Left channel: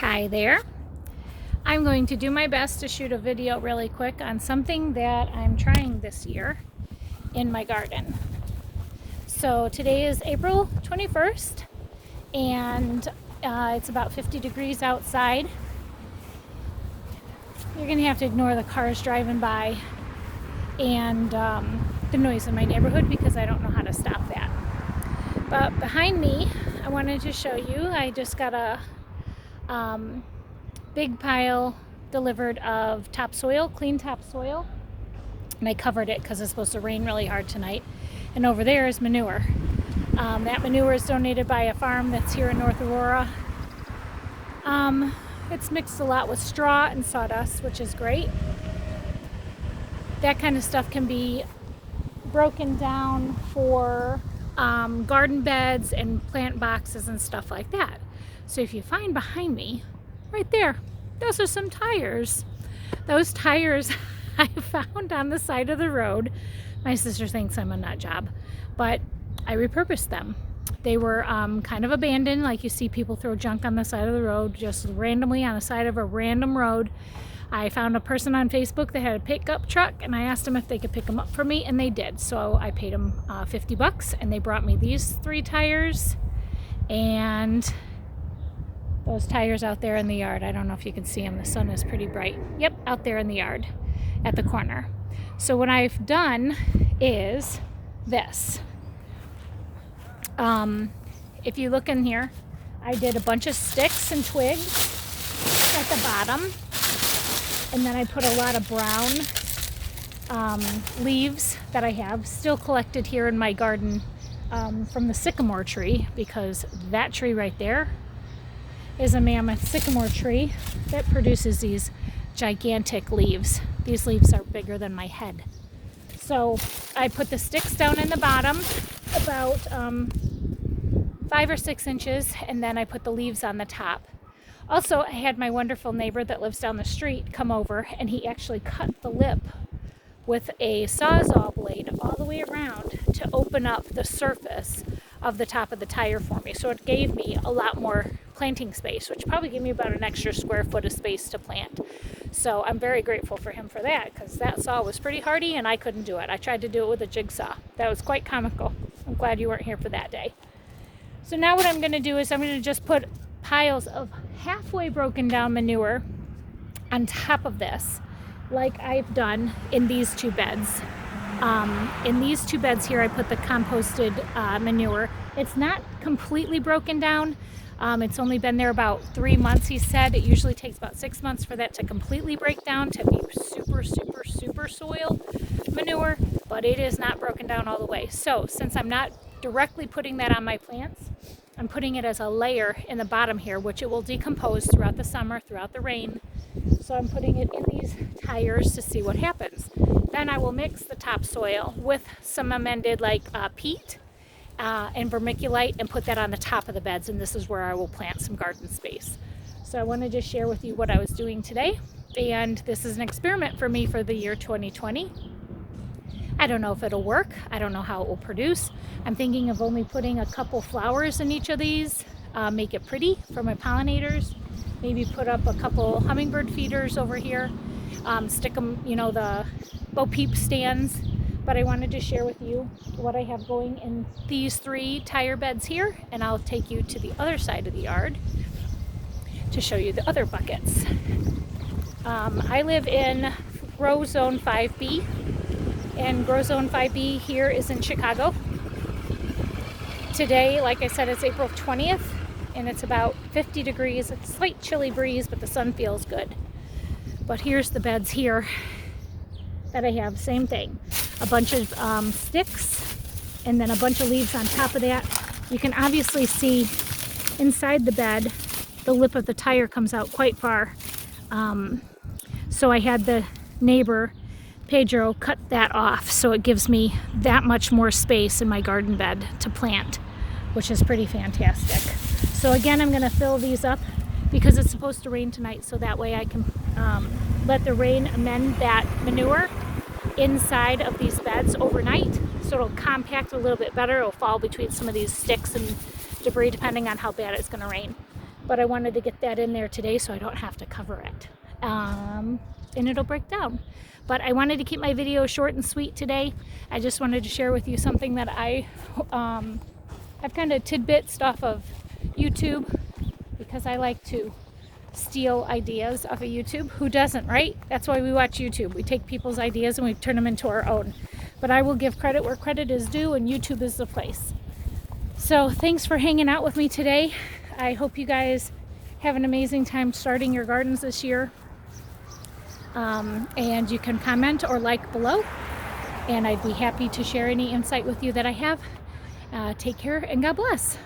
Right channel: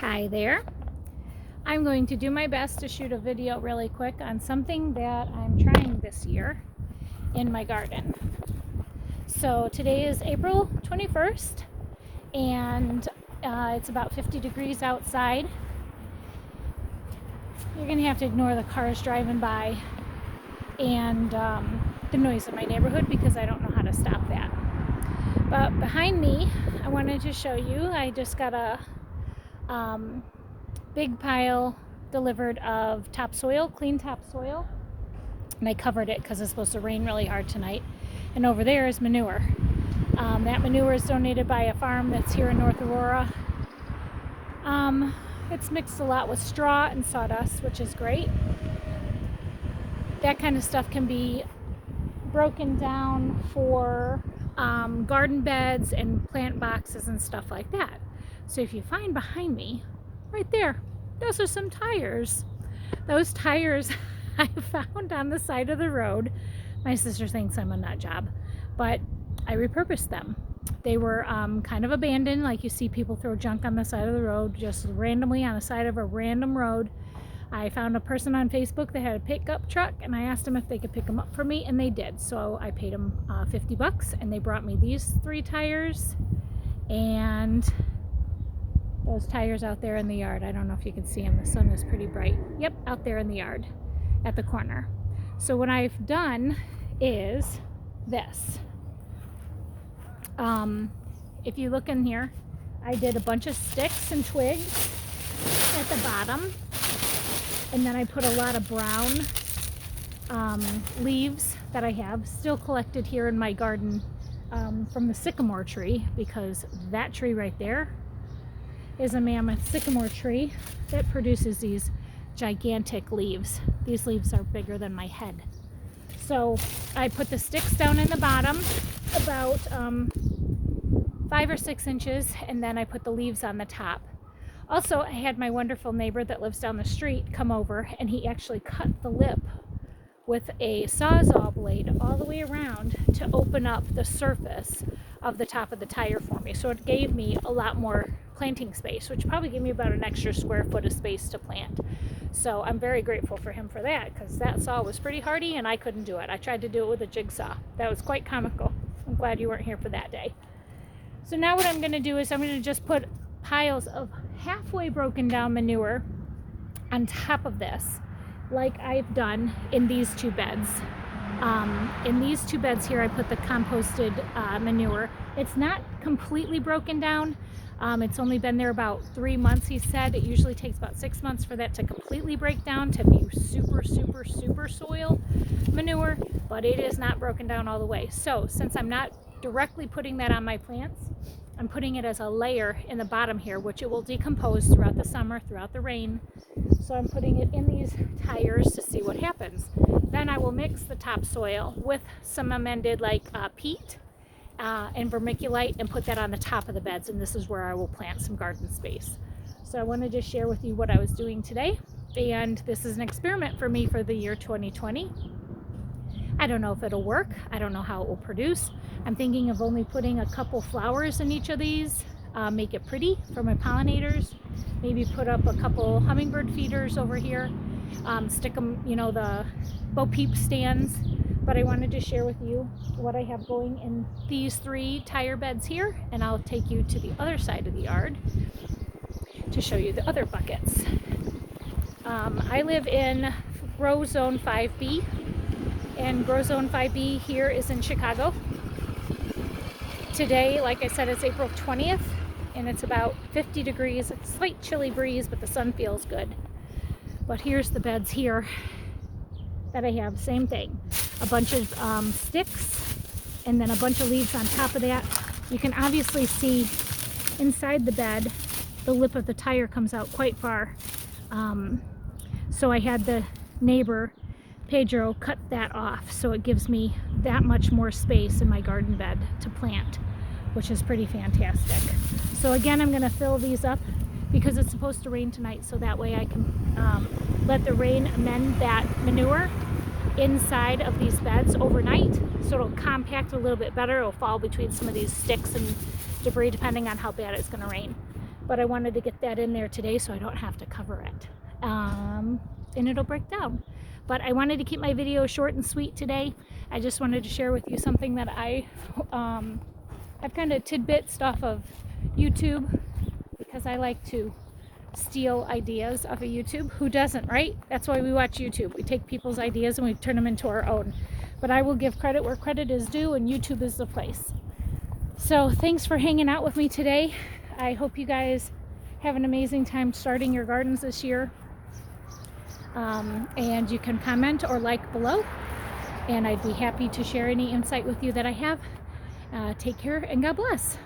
Hi there. I'm going to do my best to shoot a video really quick on something that I'm trying this year in my garden. So today is April 21st and it's about 50 degrees outside. You're going to have to ignore the cars driving by and the noise in my neighborhood because I don't know how to stop that. But behind me, I wanted to show you, I just got a big pile delivered of topsoil, clean topsoil, and I covered it because it's supposed to rain really hard tonight. And over there is manure. That manure is donated by a farm that's here in North Aurora. It's mixed a lot with straw and sawdust, which is great. That kind of stuff can be broken down for garden beds and plant boxes and stuff like that. So if you find behind me, right there, those are some tires. Those tires I found on the side of the road. My sister thinks I'm a nut job, but I repurposed them. They were kind of abandoned, like you see people throw junk on the side of the road, just randomly on the side of a random road. I found a person on Facebook that had a pickup truck, and I asked them if they could pick them up for me, and they did. So I paid them $50, and they brought me these 3 tires and those tires out there in the yard. I don't know if you can see them. The sun is pretty bright. Yep, out there in the yard at the corner. So what I've done is this. If you look in here, I did a bunch of sticks and twigs at the bottom. And then I put a lot of brown leaves that I have still collected here in my garden from the sycamore tree, because that tree right there is a mammoth sycamore tree that produces these gigantic leaves. These leaves are bigger than my head. So I put the sticks down in the bottom about 5 or 6 inches, and then I put the leaves on the top. Also, I had my wonderful neighbor that lives down the street come over, and he actually cut the lip with a Sawzall blade all the way around to open up the surface of the top of the tire for me. So it gave me a lot more planting space, which probably gave me about an extra square foot of space to plant. So I'm very grateful for him for that, because that saw was pretty hardy and I couldn't do it. I tried to do it with a jigsaw. That was quite comical. I'm glad you weren't here for that day. So now what I'm going to do is I'm going to just put piles of halfway broken down manure on top of this, like I've done in these 2 beds. In these 2 beds here, I put the composted manure. It's not completely broken down. It's only been there about 3 months, he said. It usually takes about 6 months for that to completely break down to be super soil manure, but it is not broken down all the way. So since I'm not directly putting that on my plants, I'm putting it as a layer in the bottom here, which it will decompose throughout the summer, throughout the rain. So I'm putting it in these tires to see what happens. Then I will mix the topsoil with some amended peat and vermiculite and put that on the top of the beds, and this is where I will plant some garden space. So I wanted to share with you what I was doing today, and this is an experiment for me for the year 2020. I don't know if it'll work. I don't know how it will produce. I'm thinking of only putting a couple flowers in each of these, make it pretty for my pollinators. Maybe put up a couple hummingbird feeders over here, stick them, the Bo Peep stands. But I wanted to share with you what I have going in these 3 tire beds here, and I'll take you to the other side of the yard to show you the other buckets. I live in Grow Zone 5B, and Grow Zone 5B here is in Chicago. Today, like I said, it's April 20th, and it's about 50 degrees, a slight chilly breeze, but the sun feels good. But here's the beds here that I have, same thing. A bunch of sticks, and then a bunch of leaves on top of that. You can obviously see inside the bed, the lip of the tire comes out quite far. So I had the neighbor, Pedro, cut that off, so it gives me that much more space in my garden bed to plant, which is pretty fantastic. So again, I'm going to fill these up because it's supposed to rain tonight, so that way I can let the rain amend that manure inside of these beds overnight, so it'll compact a little bit better. It'll fall between some of these sticks and debris depending on how bad it's going to rain. but I wanted to get that in there today so I don't have to cover it. And it'll break down. But I wanted to keep my video short and sweet today. I just wanted to share with you something that I've kind of tidbits off of YouTube, because I like to steal ideas off of YouTube. Who doesn't, right? That's why we watch YouTube. We take people's ideas and we turn them into our own. But I will give credit where credit is due, and YouTube is the place. So thanks for hanging out with me today. I hope you guys have an amazing time starting your gardens this year. And you can comment or like below, and I'd be happy to share any insight with you that I have. Take care and God bless.